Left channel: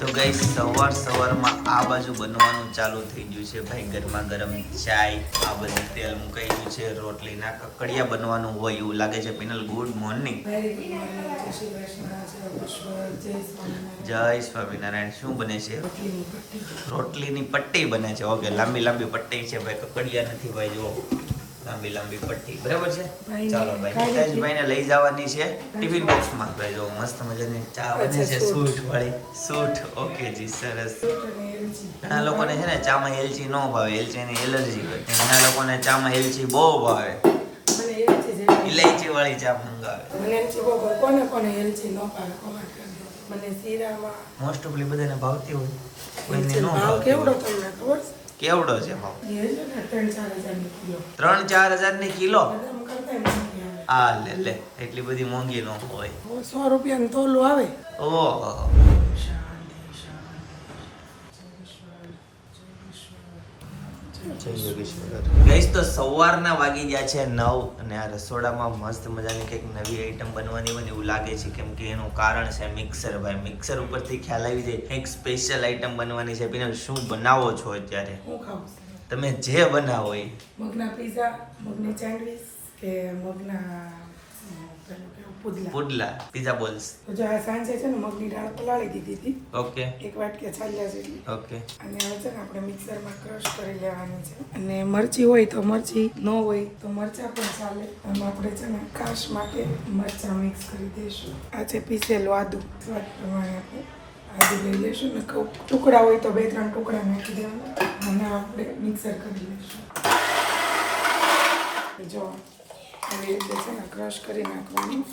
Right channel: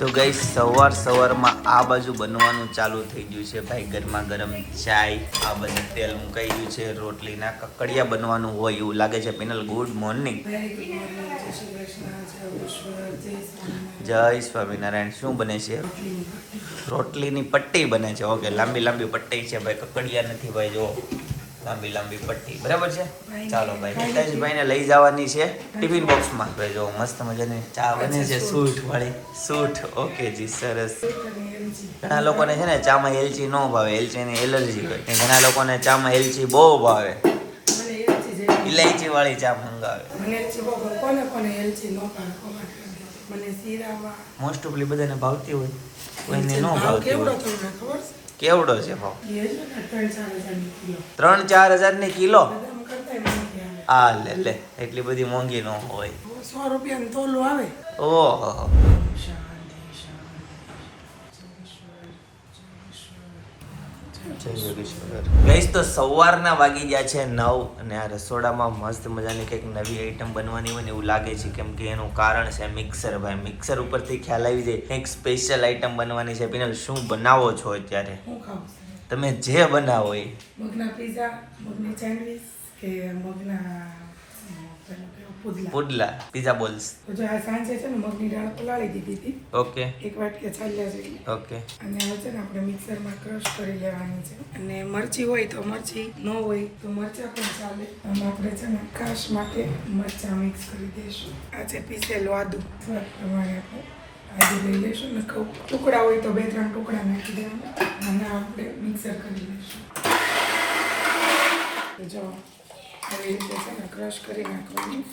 તો ગઈ સવારમાં આ બાજુ બનવાનું ચાલુ થઈ ગયું છે ભાઈ. ગરમા ગરમ ચાય, આ બાજુ તેલ મુકાઈ ગયું છે, રોટલીના કકડિયા બનવાનું હોય એવું લાગે છે. Penal good morning. જય સ્વામિનારાયણ. શું બને છે? રોટલીની પટ્ટી બને છે. ઓકે, લાંબી લાંબી પટ્ટી છે ભાઈ, કકડિયા નથી ભાઈ. જો લાંબી લાંબી પટ્ટી, બરાબર છે. ચાલો ભાઈ, નેતાજીભાઈને લઈ જવાની છે ટિફિન બોક્સમાં. ભાઈ જો મસ્ત મજાની ચા બને છે, સૂઠ વાળી સૂઠ. ઓકે જી, સરસ. ઘણા લોકોને છે ને ચામાં એલચી ન ભાવે, એલચીની એલર્જી હોય. ઘણા લોકોને ચામાં એલચી બહુ ભાવે, ઇલાયચી વાળી ચા મંગાવે. મોસ્ટ ઓફલી બધાને ભાવતી હોય, કોઈને ન ભાવતી હોય. કેવડો છે ભાવ? 3-4 હજારની કિલો. આ લે એટલી બધી મોંઘી ન હોય. 100 રૂપિયાનું તોલું આવે. ઓહો. ગઈસ તો સવારના વાગી ગયા છે 9 અને આ રસોડામાં મસ્ત મજાની કંઈક નવી આઈટમ બનવાની હોય ને એવું લાગે છે. કેમ કે એનું કારણ છે મિક્સર ભાઈ. મિક્સર ઉપરથી ખ્યાલ આવી જાય કંઈક સ્પેશિયલ આઈટમ બનવાની છે. પિનલ શું બનાવો છો અત્યારે? તમે જે બનાવો એ. મગના પીઝા, મગની સેન્ડવિચ કે મગના પુડલા, પીઝા બોલ્સ. તો જો આ સાંજે છે ને મગની દાળ પલાળી દીધી હતી. ઓકે. 1 વાટકી ચાલ્યા જેટલી. ઓકે. અને હવે છે ને આપણે મિક્સરમાં ક્રશ કરી લેવાની છે. અને મરચી હોય તો મરચી, ન હોય તો મરચા પણ ચાલે. અને આપણે છે ને કાશ માટે મરચા મિક્સ કરી દઈશું. આ છે પીસેલું આદુ. સ્વાદ પ્રમાણે આપણે આદુ લઈ લઈશું ને ટુકડા હોય તો 2-3 ટુકડા નાખી દેવાના અને આપણે મિક્સર કરી લઈશું. જો આવી રીતે છે ને ક્રશ કરી નાખવાનું.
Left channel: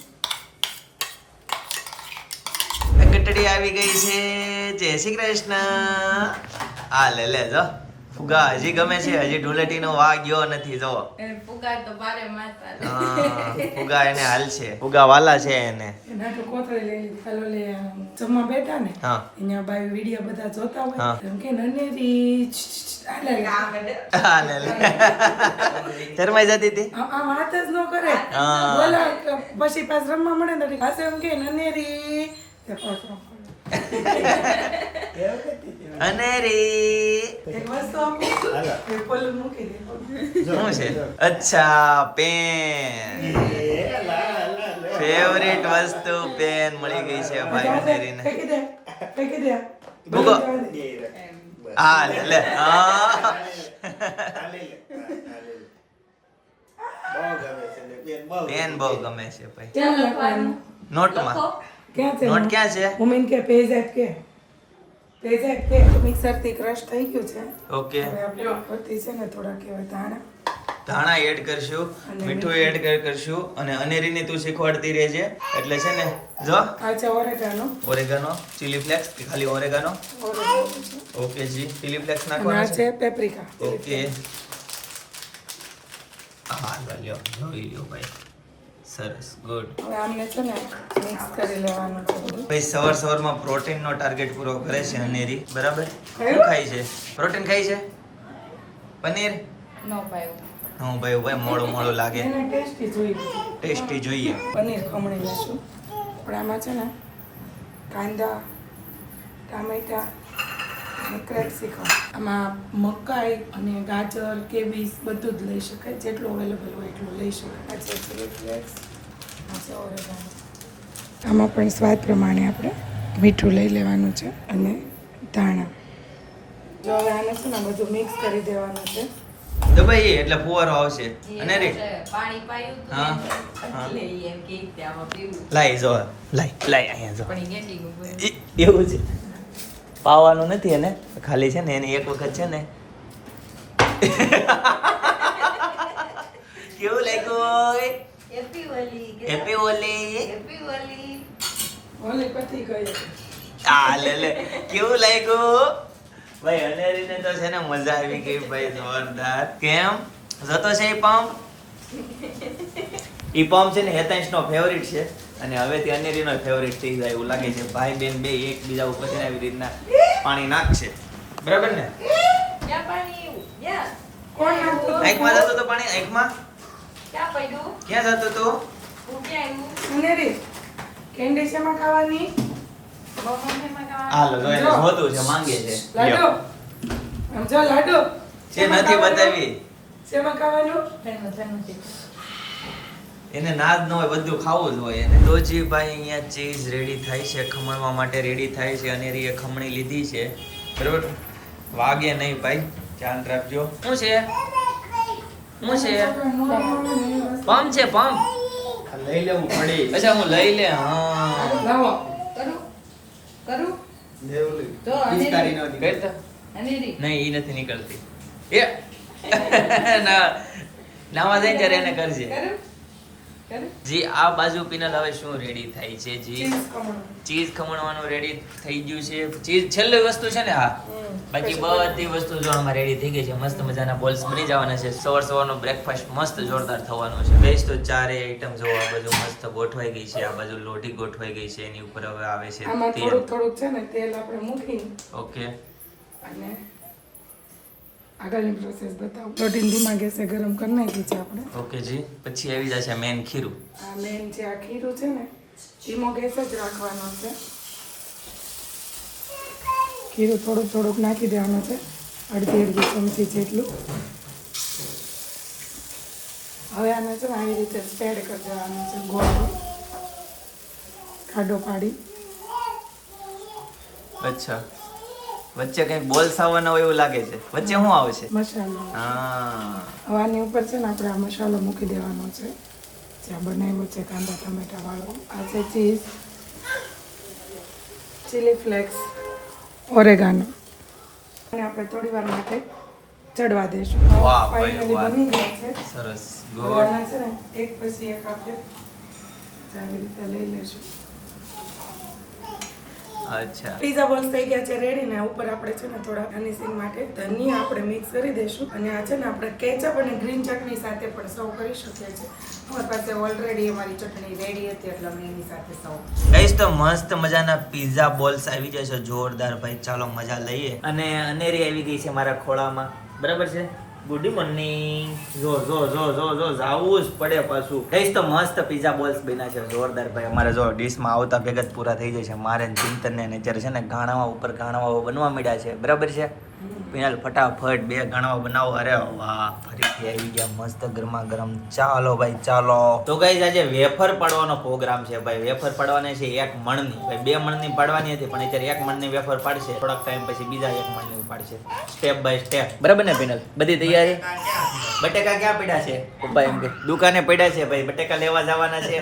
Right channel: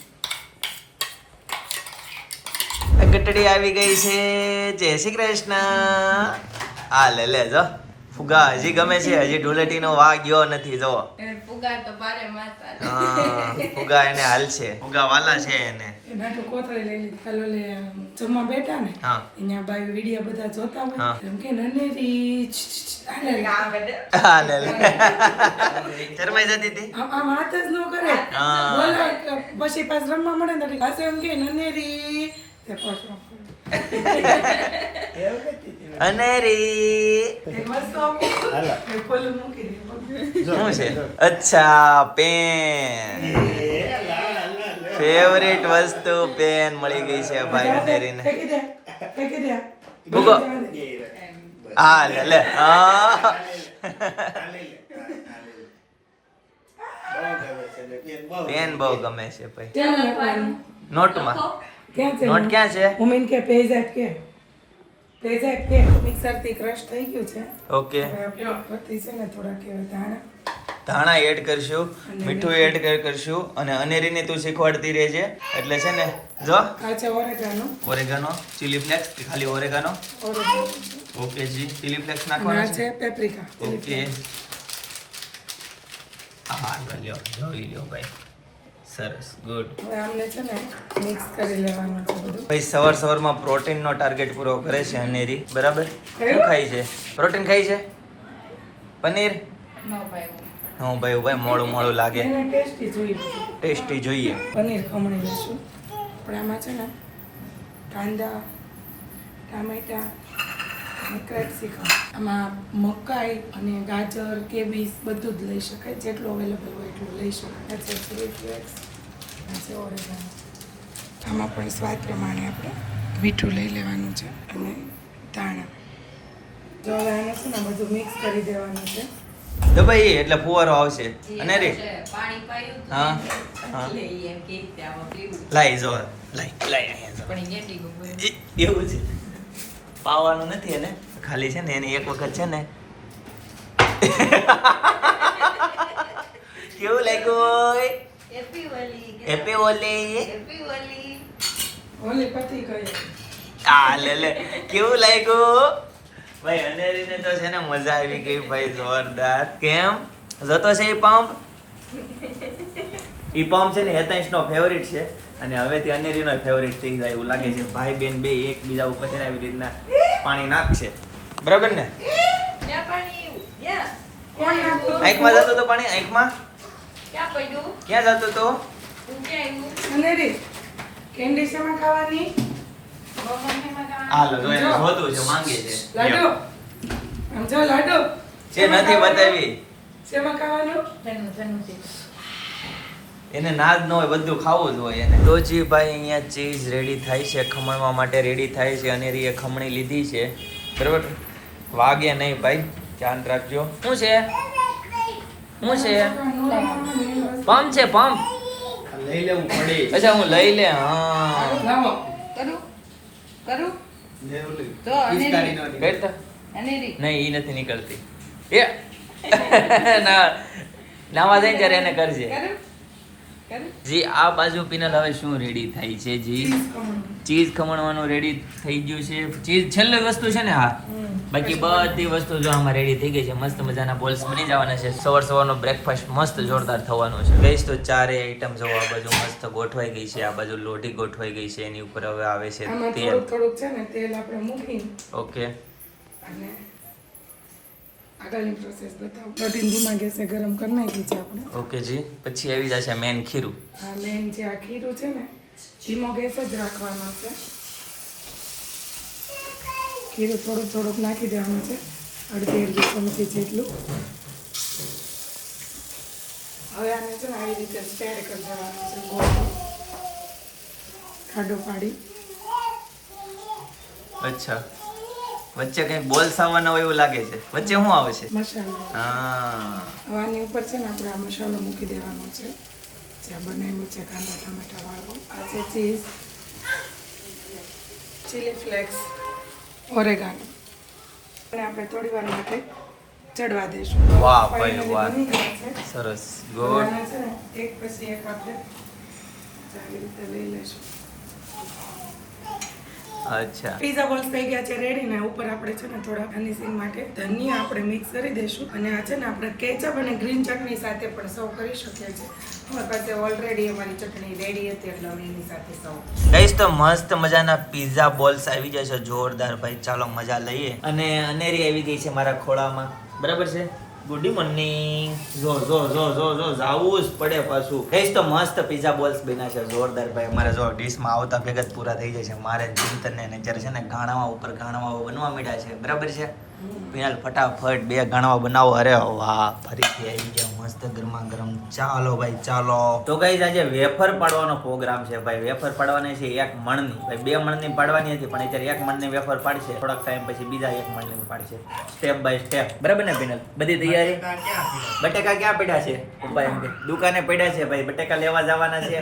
ગટડી આવી ગઈ છે. જય શ્રી કૃષ્ણ. આ લે જો ફુગા હજી ગમે છે. હજી ઢોલેટીનો વાગ ગયો નથી. જો ફુગા તો બારે મારતા. ફુગા એને હાલ છે, ફુગા વાલા છે એને. એના તો કોથળી લઈ કાલો લે જમવા બેઠા ને અહીંયા બાય વિડિયો બધા જોતા હોય એમ કે નનેરી શરમાઈ જતી હતી. આમ હાથ જ ન કરે. બોલા પછી પાછ રમવા મળે ને પાસે એમ કે નનેરી તે પાછ અનેરી શું છે? અચ્છા, પેન. ફેવરેટ વસ્તુ પેન મળી ગઈ છે ભાઈ અનેરીને. ગૂગો આ લે પેન બહુ ગમે છે ભાઈ. નોટમાં નોટ ક્યાં છે? મમ્મી કે પેજ એપ કે મિક્સર થી ક્રશ થઈ ગયું છે. ઓકે. ઉપરથી છે ને થોડા કેવા ધાણા એડ કરશું, મીઠું એડ કરશું અને અનેરીને તું શીખવાડતી રહેજે. એટલે છે ને જો આ છે ઓરેગાનો, ચીલી ફ્લેક્સ, ખાલી ઓરેગાનો. ઓકે જી, ચીલી ફ્લેક્સ નાખવાના છે. પેપ્રિકા. ઓકે. હા લ્યો, જોઈ લ્યો ભાઈ. સરસ, ગુડ. હવે આમને છે ને મિક્સ કરી લેવાનું છે બધું. ભાઈ સવારમાં પ્રોટીનનો ટાર્ગેટ પૂરો કરે છે અનેરી, બરાબર? શું ખાય છે? પ્રોટીન ખાય છે? પનીર? નો ભાઈ. નો ભાઈ, મોડું લાગે. એને ટેસ્ટી જોઈએ. પનીર ખમણી લઈશું. પણ આમાં છે ને કાંદા, ટામેટા અને કેપ્સિકમ, આમાં મકાઈ અને ગાજર, કેબીજ બધું જ લઈ શકાય. જેટલું અવેલેબલ હોય એટલું લઈ શકાય. આ છે ચીલી ફ્લેક્સ, આ છે ઓરેગાનો. આમાં પણ સ્વાદ પ્રમાણે આપણે મીઠું લઈ લેવાનું છે અને ધાણા. જો હવે આને છે ને બધું મિક્સ કરી દેવાનું છે. તો ભાઈ એટલે ફુવારો આવશે. અનેરી પાણી પાયું તો હા એટલે એમ કે ત્યાં પીવું. લાઈ જો લાઈ અહીંયા જો. પણ એ ગેંડી ગયું. એવું છે, પાવાનું નથી એને, ખાલી છે ને એને એક વખત છે ને કેવું લાગ્યું? હેપી ઓલી. હેપી ઓલી. હેપી ઓલી. ઓલી પતી ગઈ. આ લે કેવું લાગ્યું ભાઈ? અનેરીને તો છે ને મજા આવી ગઈ ભાઈ, જોરદાર. કેમ જતો છે એ પંપ? ઈ પંપ છે ને હેતાંશનો ફેવરિટ છે અને હવેથી અનેરીનો ફેવરિટ થઈ જાય એવું લાગે છે. ભાઈ બેન બે એકબીજા ઉપર છે ને આવી રીતના પાણી નાખશે, બરાબર ને? ક્યાં પાણી? યા કોણ નાખતું? આંખમાં જતો તો પાણી? આંખમાં ક્યાં પડ્યું? ક્યાં જતો તો? હું ક્યાં આવ્યું? અનેરી કેન્ડી શેમાં ખાવાની? હાલો જો એને જોતું છે, માંગે છે. લાડુ આમ જો લાડુ છે નથી બતાવી. શેમાં ખાવાનું? એને નાદ ન હોય, બધું ખાવું જ હોય એને. તો જી ભાઈ અહીંયા ચીઝ રેડી થાય છે, ખમણવા માટે રેડી થાય છે. અનેરીએ ખમણી લીધી છે, બરાબર. વાગે નહીં ભાઈ, ધ્યાન રાખજો. શું છે? શું છે? પંપ છે, પંપ લઈ લેવું પડે. અચ્છા હું લઈ લે. હા લાવો કરું કરું લેવું તો પિચકારી નો કરતા અનેરી નહીં, ઈ નથી નીકળતી. એ ના નાવા જાય ત્યારે એને કરજે. કરું કરું જી આ બાજુ પિનલ હવે શું રેડી થાય છે? જી ચીઝ ખમણવાનું રેડી થઈ ગયું છે. ચીઝ છેલ્લી વસ્તુ છે ને. હા, બાકી બધી વસ્તુ જો આમાં રેડી થઈ ગઈ છે. મસ્ત મજાના બોલ્સ બની જવાના છે. સવારનો બ્રેકફાસ્ટ મસ્ત જોરદાર થવાનો છે. ગઈશ તો ચારે આઈટમ જો આ બાજુ મસ્ત ગોઠવાઈ ગઈ છે. આ બાજુ લોટી ગોઠવાઈ ગઈ છે. એની ઉપર હવે આવે છે આમાં તેલ. થોડુંક થોડુંક છે ને તેલ આપણે મૂકી ઓકે. અને આગળની પ્રોસેસ બતાવું. લોટીને ધીમા ગેસે ગરમ કરી નાખી છે આપણે. ઓકે જી. પછી આવી જશે મેન ખીરું. આ મેન જે આ ખીરું છે ને ધીમો ગેસ જ રાખવાનો છે. ખીરું થોડુંક થોડુંક નાખી દેવાનું છે, અડધી ચમચી જેટલું. હવે આને છે ને આવી રીતે સ્પ્રેડ કરી દેવાનું છે, ગોળ ખાડો પાડી. અચ્છા, વચ્ચે કઈ બોલ્સ આવવાના હોય એવું લાગે છે. વચ્ચે શું આવશે? મસાલો. હા, હવે આની ઉપર છે ને આપણે આ મસાલો મૂકી દેવાનો છે જે બનાવ્યો છે કાંદા ટમેટા વાળો. આ છે ચીઝ, ચીલી ફ્લેક્સ, ઓરેગાનો. અને આપણે થોડી વાર માટે ચડવા દઈશું. વાહ ભાઈ Finally વાહ, બની ગયા છે. સરસ, હવે ગુડ. આના છે ને એક પછી એક આપણે આવી રીતે લઈ લઈશું. અચ્છા, પીઝા બોલ્સ થઈ ગયા છે રેડી ને ઉપર આપણે છે ને થોડા ગાર્નિશિંગ માટે ધનિયા આપણે મિક્સ કરી દઈશું. અને આ છે ને આપણે કેચઅપ અને ગ્રીન ચટણી સાથે પણ સર્વ કરી શકીએ છીએ. અમારી પાસે ઓલરેડી અમારી ચટણી રેડી હતી એટલે અમે એની સાથે સર્વ. ગઈસ તો મસ્ત મજાના પિઝા બોલ્સ આવી જાય છે, જોરદાર ભાઈ. ચાલો મજા લઈએ. અને અનેરી આવી ગઈ છે મારા ખોળામાં, બરાબર છે. Good morning. જો જો જો જો જો જાવું જ પડે પાછું. ગઈસ તો મસ્ત પિઝા બોલ્સ બન્યા છે, જોરદાર ભાઈ. અમારે જો ડીશમાં આવતા ભેગા જ પૂરા થઈ જાય છે. મારે ચિંતન ને અત્યારે છે ને ઘાણાવા ઉપર ઘાણાવા બનવા માંડ્યા છે, બરાબર છે. પિનાલ ફટાફટ 2 ઘાણાવા બનાવો. અરે વાહ, ફરીથી આવી ગયા મસ્ત ગરમા ગરમ. ચાલો ભાઈ ચાલો. તો ગાઈસ આજે વેફર પાડવાનો પ્રોગ્રામ છે ભાઈ. વેફર પાડવાની છે 1 મણની. ભાઈ 2 મણની પાડવાની હતી પણ અત્યારે 1 મણની વેફર પાડશે. થોડાક ટાઈમ પછી બીજા 1 મણની પાડશે, સ્ટેપ બાય સ્ટેપ, બરાબર ને પિનલ? બધી તૈયારી. બટેકા ક્યાં પડ્યા છે? પપ્પા એમ કે દુકાને પડ્યા છે ભાઈ, બટેકા લેવા જવાના છે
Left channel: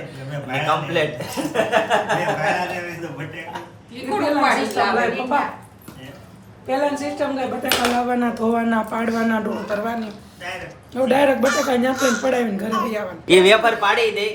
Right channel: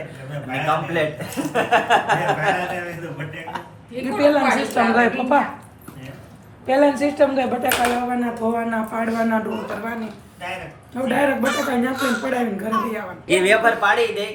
અને કમ્પ્લેટ. પેલા સિસ્ટમ ગઈ બટાકા લાવવાના, ધોવાના, પાડવાના, ડોળ કરવાની. ડાયરેક્ટ બટાકા ત્યાં પડાવીને ઘરે લઈ આવવાના. એ વેફર પાડી દે,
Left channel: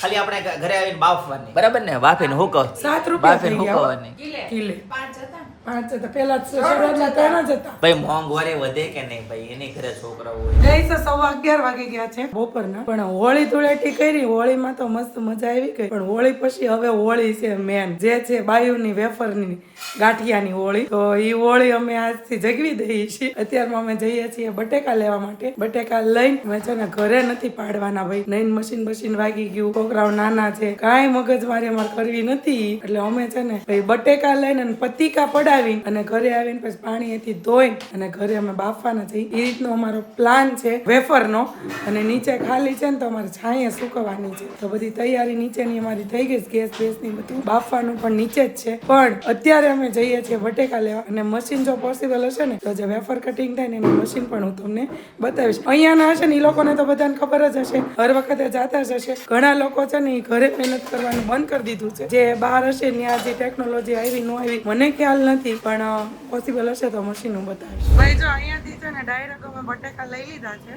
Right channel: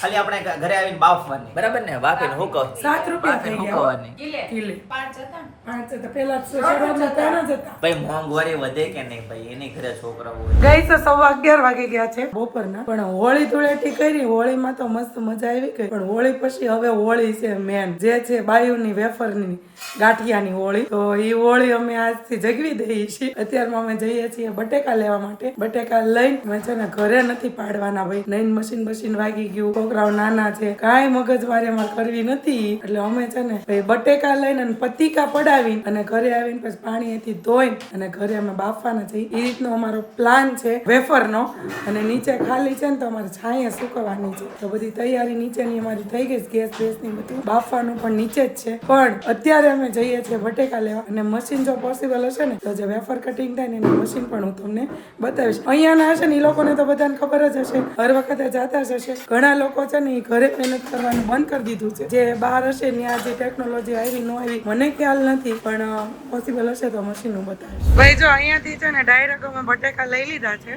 ખાલી આપણે ઘરે આવીને બાફવાની, બરાબર ને? બાફીને હુકવ, 7 રૂપિયા થઈ ગયા હુકવવાની. કિલે. 5 હતા પેલા શરૂઆતના 3 જ હતા. ભાઈ મોંઘવારી વધે કે નહીં ભાઈ? એની ઘરે છોકરાઓ હોય. ગઈ તો 11:15 વાગી ગયા છે બપોરના. પણ હોળી ધૂળેટી કરી, હોળીમાં તો મસ્ત મજા આવી ગઈ. પણ હોળી પછી હવે હોળી છે મેન, જે છે બાયુની વેફરની ગાંઠિયાની હોળી. તો ઈ હોળી અમે આજથી જગવી દઈએ છીએ. અત્યારમાં અમે જઈએ છીએ બટેકા લેવા માટે. બટેકા લઈને અમે છે ને ઘરે નથી પાડવાના ભાઈ. નઈન મશીન વાગી ગયું, છોકરાઓ નાના છે, કાંઈ મગજમારી અમારે કરવી નથી. એટલે અમે છે ને ભાઈ બટેકા લઈને અને પતીકા પડાવીને અને ઘરે આવીને પછી પાણીથી ધોઈને અને ઘરે અમે બાફવાના છીએ. એ રીતનો અમારો પ્લાન છે વેફરનો. અને નીચે ખાલી છે ને તો અમારે છાંયે સુકવવાની છે. તો બધી તૈયારી નીચેની અમારી થઈ ગઈ છે, ગેસ બેસની બધું. બાફવાનું પણ નીચે જ છે. પણ અત્યારે અમે જઈએ છીએ બટેકા લેવા. અને મશીન જો પોસિબલ હશે ને તો જે વેફર કટિંગ થાય ને એનું મશીન પણ હું તમને બતાવીશ. અહીંયાના હશે ને એ લોકોને તો બધાને ખબર જ હશે, હર વખતે જાતા જ હશે. ઘણા લોકો છે ને એ ઘરે મહેનત કરવાનું બંધ કરી દીધું છે. જે બહાર હશે ત્યાં જે ટેકનોલોજી આવી ન આવી મને ખ્યાલ નથી, પણ પોસિબલ હશે તો મશીન હું બતાવીશ. ભાઈ જો અહીંયાથી છે ને ડાયરેક્ટ અમે બટેકા લઈ લીધા છે.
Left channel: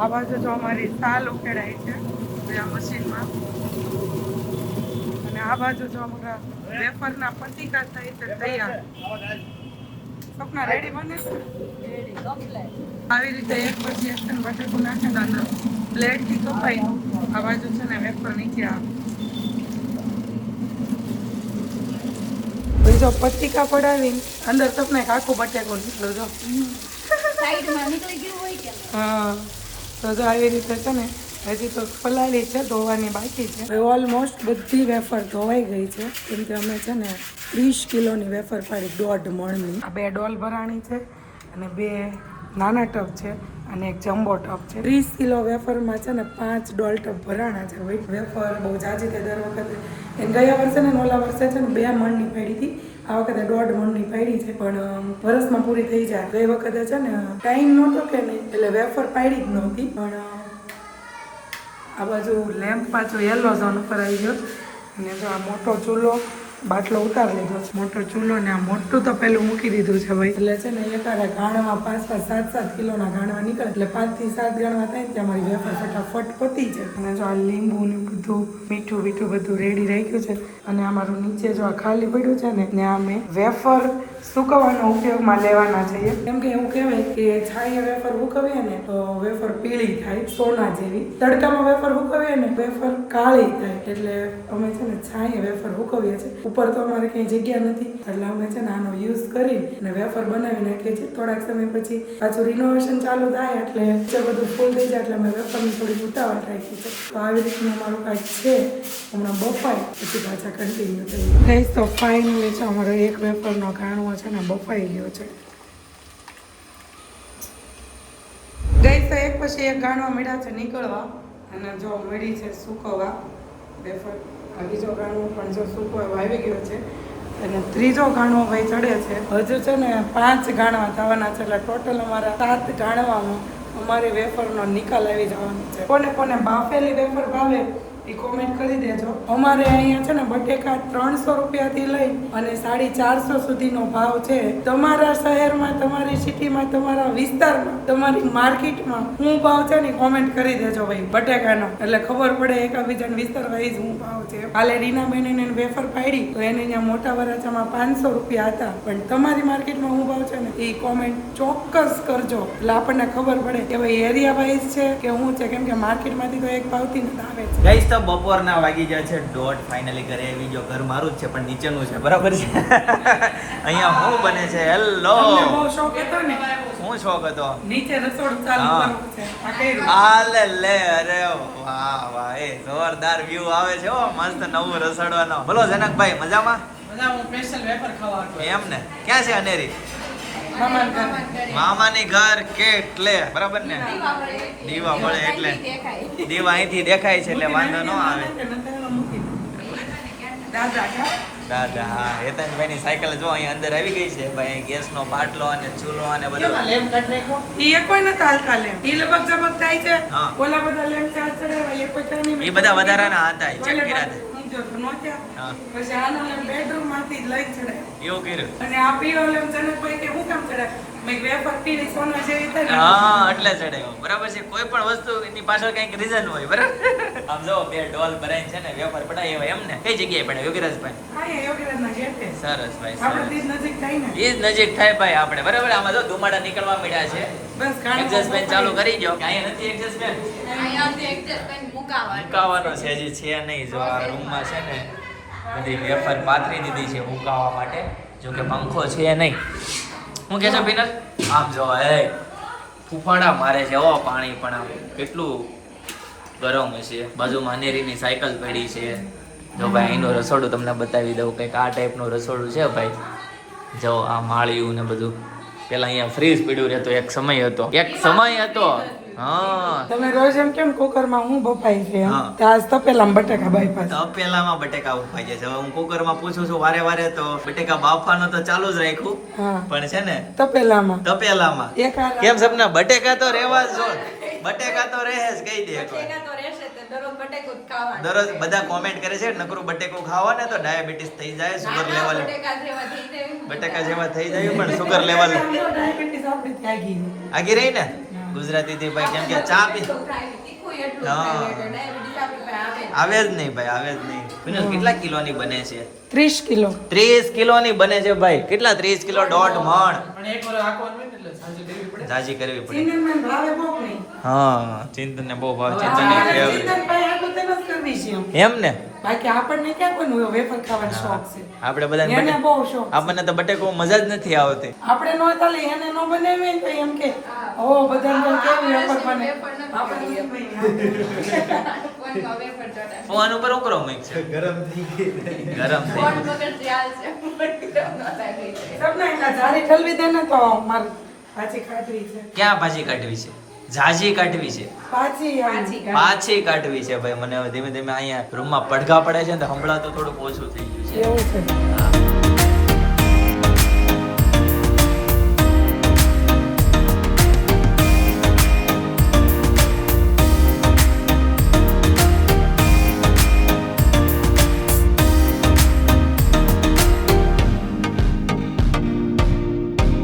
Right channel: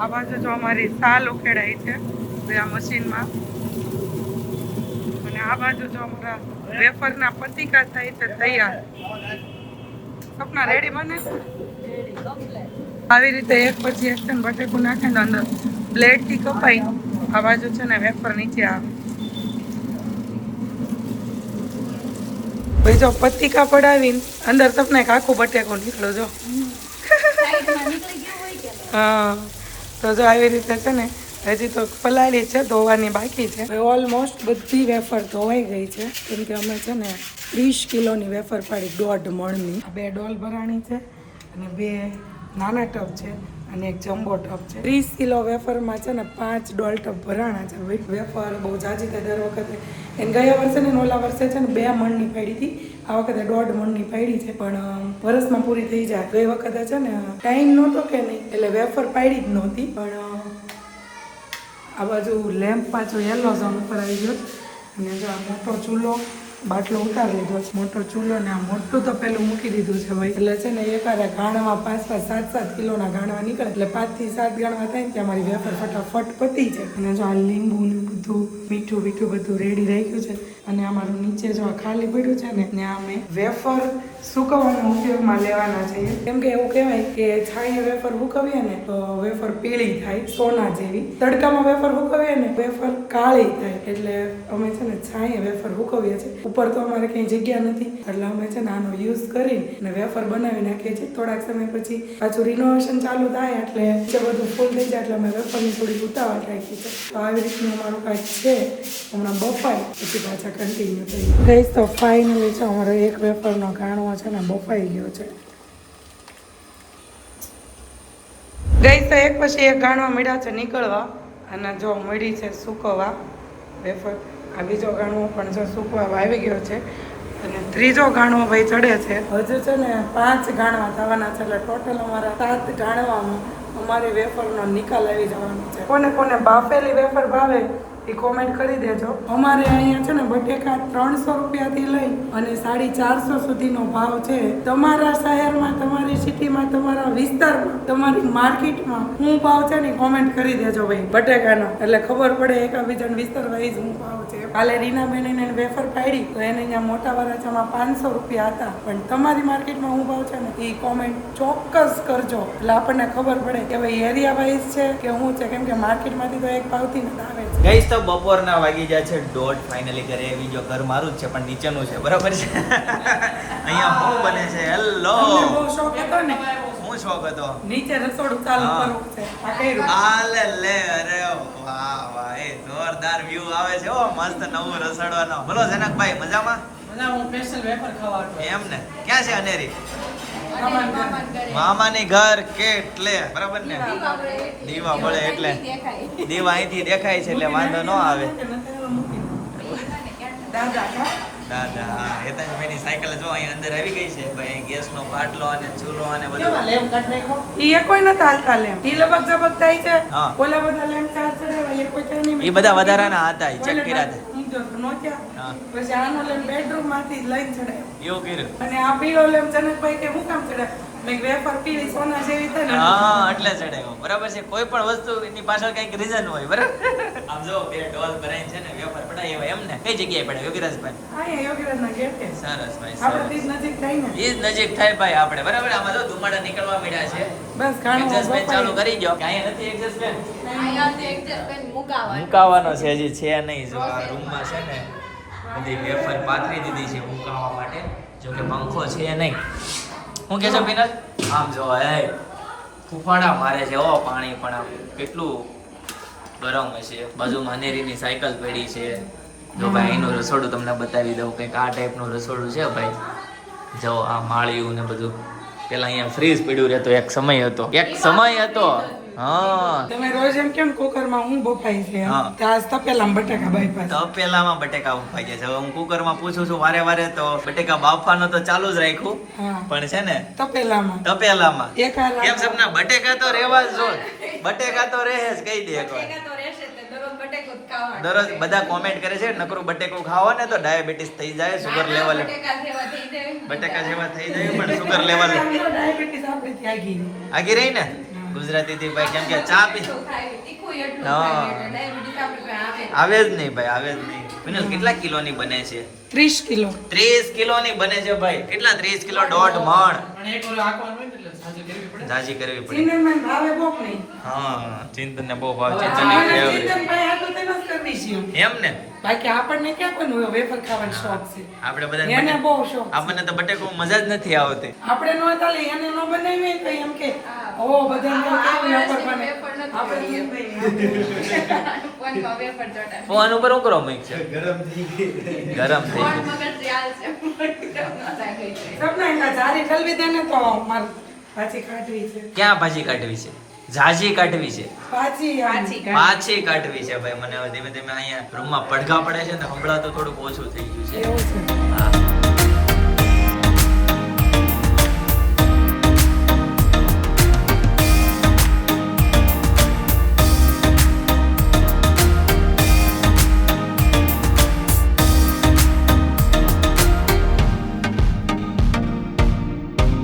આ બાજુ જો અમારી સાલ ઉખેડાઈ છે આ મશીનમાં. અને આ બાજુ જો અમારા વેફરના પતીકા થાય છે તૈયાર. સપના રેડી બને છે. આવી રીતે એક પછી એક બટેકું નાખે ને અંદર બ્લેડથી કપાઈ આ બાજુ છે ને વેફર નીચે આવે. ભાઈ જો પતિકા પડાવીને અંદર તમને એક આખું બટેકું નીકળો જો. હા તો જો આવી રીતે છે ને હજી તો પલાળી છે, ધોવાની બાકી છે. ઓલમોસ્ટ બધી વેફર ધોવાઈ ગઈ છે, કેમ કે અમે છે ને 30 કિલોની વેફર પાડી 1.5 મણની. આ 2 ડોલ ભરાણી છે અને 2 નાના ટબ છે અને એક જમ્બો ટબ છે. 30 કિલો વેફરમાં છે ને 5 ડોલ ટબ ભરાણા છે. વેફર બહુ જાજી થાય દર વખતે. એને ગયા વર્ષે ને ઓલા વર્ષે છે ને 2 મણની પાડી હતી, આ વખતે 1.5 મણની પાડી છે, પણ વર્ષમાં પૂરી થઈ જાય. ગઈ વખતે છે ને ટાઈમ નહોતો કે નહીં, એટલે વેફર પાડી જ નહોતી. પણ આ બાજુ લેમ્પ પાછો યલો ઝોન ઉપર આવી ગયો અને જો આ મોટો ચૂલો બાટલો ઉતારી લીધો છે. મોટો ચૂલો ને આ મોટું તો પેલું મૂકી દીધું છે ભાઈ. એટલે છે ને એકારે ગાણમાં 5-5, 7-7 કિલોના ગાણવા નીકળે, એટલે 5 થી 7 ગાણવા થાય ને ત્યાં મારી વેફર ફટાફટ પતી જાય. અને જો આ લીંબુ ને બધું મીઠું બીઠું બધું રેડી રાખ્યું છે. અને અમારું નીચે જો આ ખાલી પડ્યું છે ને ત્યાં અમે વેફર સુકવવાનો ઉપયોગમાં લેવાના છીએ, કેમ કે એવું કહેવાય કે છાંયે વેફર સુકવીએ ને તો વેફર પીળી થાય, સોના જેવી. તડકામાં વેફર સુકવીએ ને વેફર કાળી થાય, એટલે અમે છે ને છાંયે વેફર સુકવીએ છીએ. ઉપર તો અમારે કંઈ જગ્યા નથી, એટલે અમે છે ને આનો યુઝ કરીને વેફર બનાવી નાખીએ છીએ. થોડાક સમય પછી પાછું રિનોવેશન ચાલુ થાય એટલે જે બધું ફૂલ થઈ જાય એટલે અમે વેફરની થોડી ઉતાવળ રાખી છે. તો આવી રીતનું અમારું કાંઈક છે. હમણાં બફાય પછી પાછા કન્ટિન્યુ થઈ ગઈ. તો ફાઇનલી છે અમારો એક વેફરનો ગાણવો છે ને બફાઈ ગયો છે. ગઈ તો એક પછી એક ગાણવા મળ્યા છે નીકળવા, અને જો મળી છે સૂકવવા વેફર. આ બીજો ગાણવો પણ જો સૂકવા આવી ગયો છે અને ત્રીજો ગાણવો ભાઈ ચડે છે. હજુ છે ને 5 ગાણવા થવાના છે, એટલે ટોટલ અમારા 7 ગાણવામાં અમારી વેફરનો નિકાલ આવી જવાનો છે. કોને કોને બાફેલી વેફર ભાવે એ કોમેન્ટ કરી દેજો. અમારે અહીંયા છે ને બટેકા 300 રૂપિયાથી લઈ અને 450 સુધીનો ભાવ છે. તમારા શહેરમાં, તમારી સિટીમાં, તમારા વિસ્તારમાં, તમારી માર્કેટમાં શું ભાવ છે ને કોમેન્ટ કરી દેજો ભાઈ બટેકાનો, એટલે ખબર પડે એકબીજાના વિસ્તાર વાઇઝ શું ભાવ છે. કાલે રીનાબેન વેફર પાડી તો એને અહીંયા મોટા વરાછામાં 500 રૂપિયા હતા, પણ તમારી માર્કેટમાં શું ભાવ છે ને એ કોમેન્ટ ચોક્કસ કરજો, એટલે આપણને ખબર પડે કે ભાઈ એરિયા વાઇઝ છે કે શું છે, કેમ કે માર્કેટમાંથી તો એક ભાવથી નથી આવે છે. ગાઈસ તો બપોરના વાગી જાય છે 1:30. ફાઇનલી ઘરે આવી જો. ઘર મારું જ છે પણ નીચેનું છે, બરાબર છે. અહીંયા શું બને છે? હેલો, તમને બહુ શોખ હતો ને? શું શોખ હતો? નીચે રસોડું ચાલુ કરવું છે. આ કર્યું. આલે લે, અરે વાહ વાહ, એ જોરદાર વ્યૂ આવે છે. ઓ મસ્ત નવું રસોડવાનો. બોલો જનકભાઈ, મજામાં? હું સ્પેશિયલ વેફર ખાવા આવતો. એમ ને? ક્યાં છે અનેરી? મામાની ઘર કેટલે, બરાબર ને? દીવા મળે એટલે દીવા અહીંથી દેખાય છે એટલે વાંધો ન આવે. દાદા હા, હેતનભાઈની સાયકલ જો અહીં અંદર આવી ગઈ છે ભાઈ. ગેસનો બાટલો અને ચૂલો અને બધું. ઈ કોઈ નથી હાલતા લેમ્પ. ઈ લગભગ જબક થાય છે. હા. ઓલા બધા લેમ્પ ચાર્જ ચડાવવા એ કોઈ થાય નહીં. એ બધા વધારાના હતા, એ ચેક કર્યા હતા. હા. પછી આનો લેમ્પ બેડરૂમ માંથી લઈને ચડાવ્યો. એવું કર્યું. અને આ પીળો લેમ્પ જનકભાઈ કે હું કામ ચડાવ? ભાઈ વેફર પીળી સોના જેવી થાય ને. હા, એટલે ચડાવ્યો. બરાબર છે. કોઈ પણ વસ્તુ એની પાછળ કંઈક રીઝન હોય, બરાબર. આમ જો 2 ડોલ ભરાઈને છે ને વેફર પડાય એમ ને. કઈ જગ્યાએ પડાય? યોગીરાજભાઈ. અહીંયા યોગીરાજના ગેટે. સરસ ભાઈ, આપણે સરસ. થી નજીક થાય ને. એ જ નજીક થાય ભાઈ આપણે, બરાબર. આમાં જો ધુમાડા નીકળવા મળ્યા છે. બસ કાંઈ એડજસ્ટમેન્ટ ચાલુ કરી દો. કાંઈ નથી એડજસ્ટમેન્ટ. મુકાવાનો છે, હજી છે નહીં. જો આ રૂમમાં છે ને બધી વેફર પાથરી દીધી છે મુકાવા માટે. જો કે પંખો છે નહીં. હું કે છે પીનલ? આમ જો એ ફૂફાડા મારે છે. ઓ પાણી પણ આમ કેટલું ગરમ હશે. બાજુમાં અનેરીની સાયકલ પડી છે. જો ભાઈ એનું રસોડું તમને બતાવી દઉં. કંઈક આ ટાઈપનું રસોડું છે ભાઈ. જો આ માળિયું ને બધું. પેલા અહીંયા ફ્રીજ પડ્યું રહેતો એક સમય હતો. હા, તમે રોજ એમ કેમ કુકરમાં હું બફાઈ છે? હા. તો આજ તપેલામાં બટાકા બાફા. તપેલામાં બટેકા ઉફાઈ જાય છે. હવે હું કુકરમાં પૂછું છું વારે વારે તો બટેકા બાફવાનો તો ચાલુ જ રાખ્યું, હા, પણ છે ને તપેલામાં તપેલામાં. એક હાલ કેમ સપના? બટેકા તો રહેવા જ જો. બટેકા તો રહે જ, કહી દે એકવાર. દરરોજ બધા કોમેન્ટ કરે છે નકરું બટેકું ખાવા ને તો ડાયાબિટીસ થઈ જાય, સુગર લેવલ બટેકા જેવા થઈ જાય પણ સુગર લેવલ ડાયાબિટીસ આપણી ત્યાં ગઈ. આગી રહી ને ગુજરાતી થી ભાઈ. કેમ કે ચા પી આવે જ નહીં ભાઈ, આવે જ નહીં. વિનોદ, કેટલા કિલોની બને છે? 30 કિલો. 30 કિલોની બને છે ભાઈ. કેટલા? 30 કિલો 1.5 મણ. પણ એક વાર આખવાનું હોય ને એટલે સાજી કરવી પડે. જાજી કરવી પડે. ચિંતનમાં ભાવે બહુ નહીં. હા, ચિંતન ને બહુ ભાવ. ચિંતન ની ફેવરેટ. ચિંતન ભાઈ આ તો તેને જ કરવી છે. એમ ને? બાકી આપણને ક્યાં કોઈનું વેફર ખાવાનો શોખ છે? આપણે એને બધા બહુ શોખ છે. આપણને તો બટેકો મજા જ નથી આવતી. આપણે નો ચાલે એને નો બનાવીએ તો એમ કે ઓ બધાને તો કેવી વેફર બને ફોન ઉપર હું કરો મિક્સ છે ગરમ થઈ ગઈ. ગરમ થઈ સપના એના જારી ઠલવી દે ને તો માર પાછી કાઢવી છે ક્યાં ભાજી કાઢવી છે ઝાજી કાઢવી છે પાછી આમ. પાછી કાઢવી છે ભાઈ મને હવે ધીમે ધીમે અહીંયા રૂમમાં પડઘા પડે છે ને તો હમણાં તો થોડુંક ઓછું થઈ ગયું છે એવું છે હા